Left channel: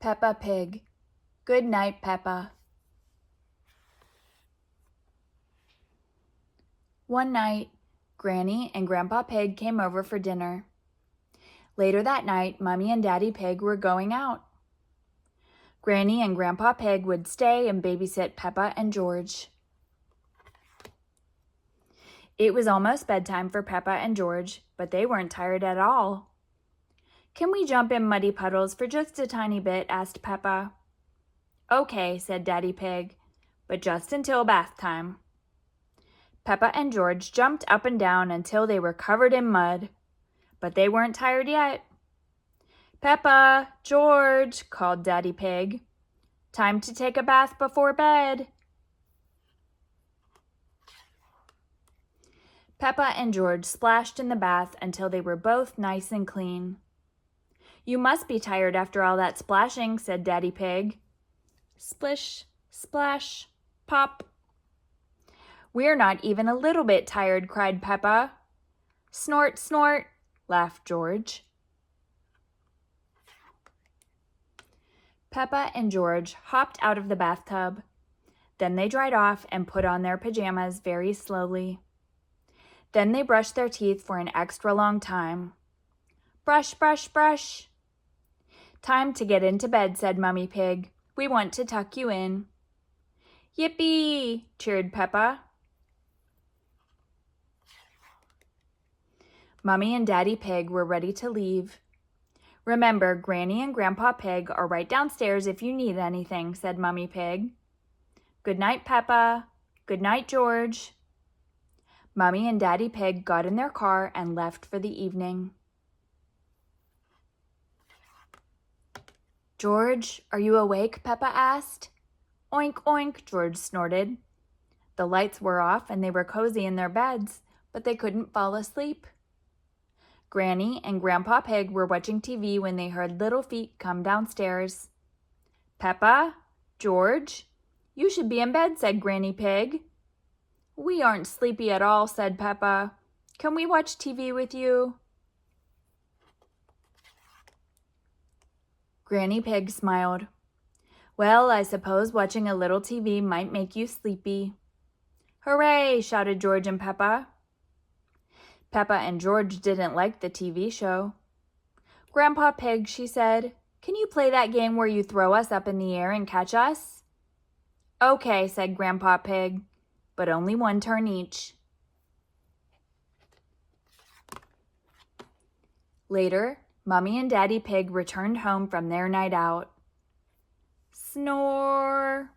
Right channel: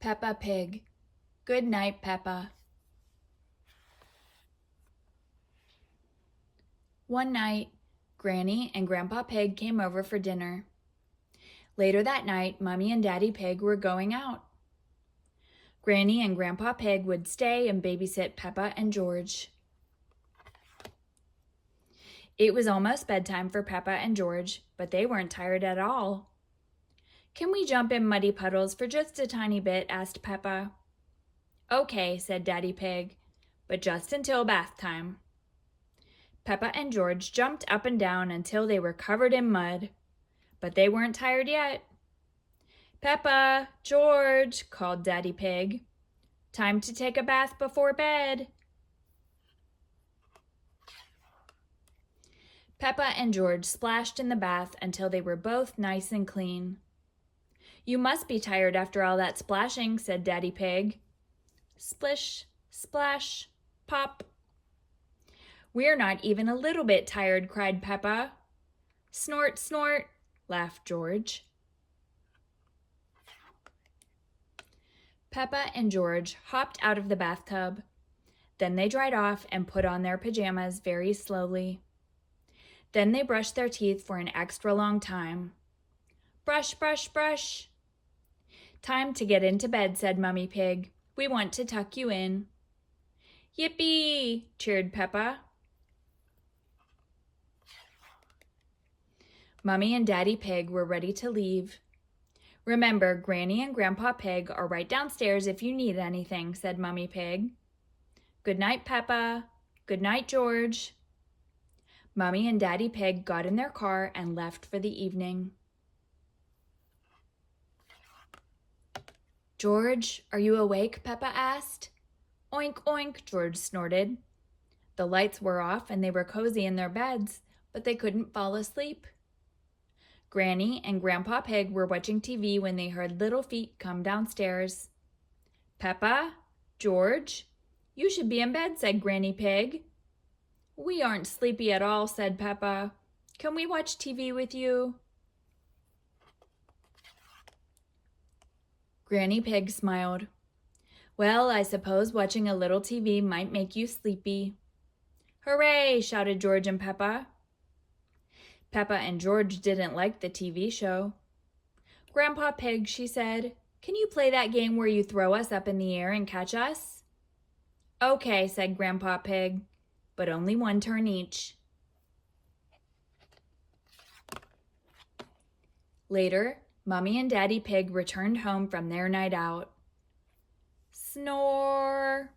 Peppa Pig. Good night, Peppa. One night, Granny and Grandpa Pig came over for dinner. Later that night, Mummy and Daddy Pig were going out. Granny and Grandpa Pig would stay and babysit Peppa and George. It was almost bedtime for Peppa and George, but they weren't tired at all. "Can we jump in muddy puddles for just a tiny bit?" asked Peppa. "Okay," said Daddy Pig, "but just until bath time." Peppa and George jumped up and down until they were covered in mud, but they weren't tired yet. "Peppa, George," called Daddy Pig. "Time to take a bath before bed." Peppa and George splashed in the bath until they were both nice and clean. "You must be tired after all that splashing," said Daddy Pig. Splish, splash, pop. "We're not even a little bit tired," cried Peppa. "Snort, snort," laughed George. Peppa and George hopped out of the bathtub. Then they dried off and put on their pajamas very slowly. Then they brushed their teeth for an extra long time. Brush, brush, brush. "Time to get into bed," said Mummy Pig. "We want to tuck you in." "Yippee!" cheered Peppa. Mummy and Daddy Pig were ready to leave. "Remember, Granny and Grandpa Pig are right downstairs if you need anything," said Mummy Pig. "Good night, Peppa. Good night, George." Mummy and Daddy Pig got in their car and left for the evening. "George, are you awake?" Peppa asked. "Oink, oink," George snorted. The lights were off and they were cozy in their beds, but they couldn't fall asleep. Granny and Grandpa Pig were watching TV when they heard little feet come downstairs. "Peppa, George, you should be in bed," said Granny Pig. "We aren't sleepy at all," said Peppa. "Can we watch TV with you?" Granny Pig smiled. "Well, I suppose watching a little TV might make you sleepy." "Hooray!" shouted George and Peppa. Peppa and George didn't like the TV show. "Grandpa Pig," she said, "can you play that game where you throw us up in the air and catch us?" "Okay," said Grandpa Pig, "but only one turn each." Later, Mummy and Daddy Pig returned home from their night out. Snore!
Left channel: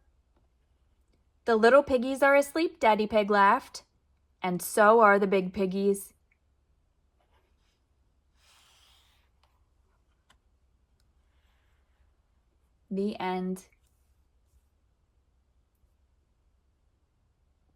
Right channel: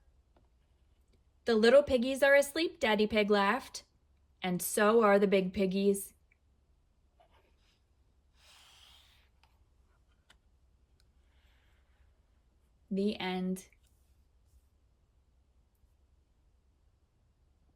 "The little piggies are asleep," Daddy Pig laughed. "And so are the big piggies." The end.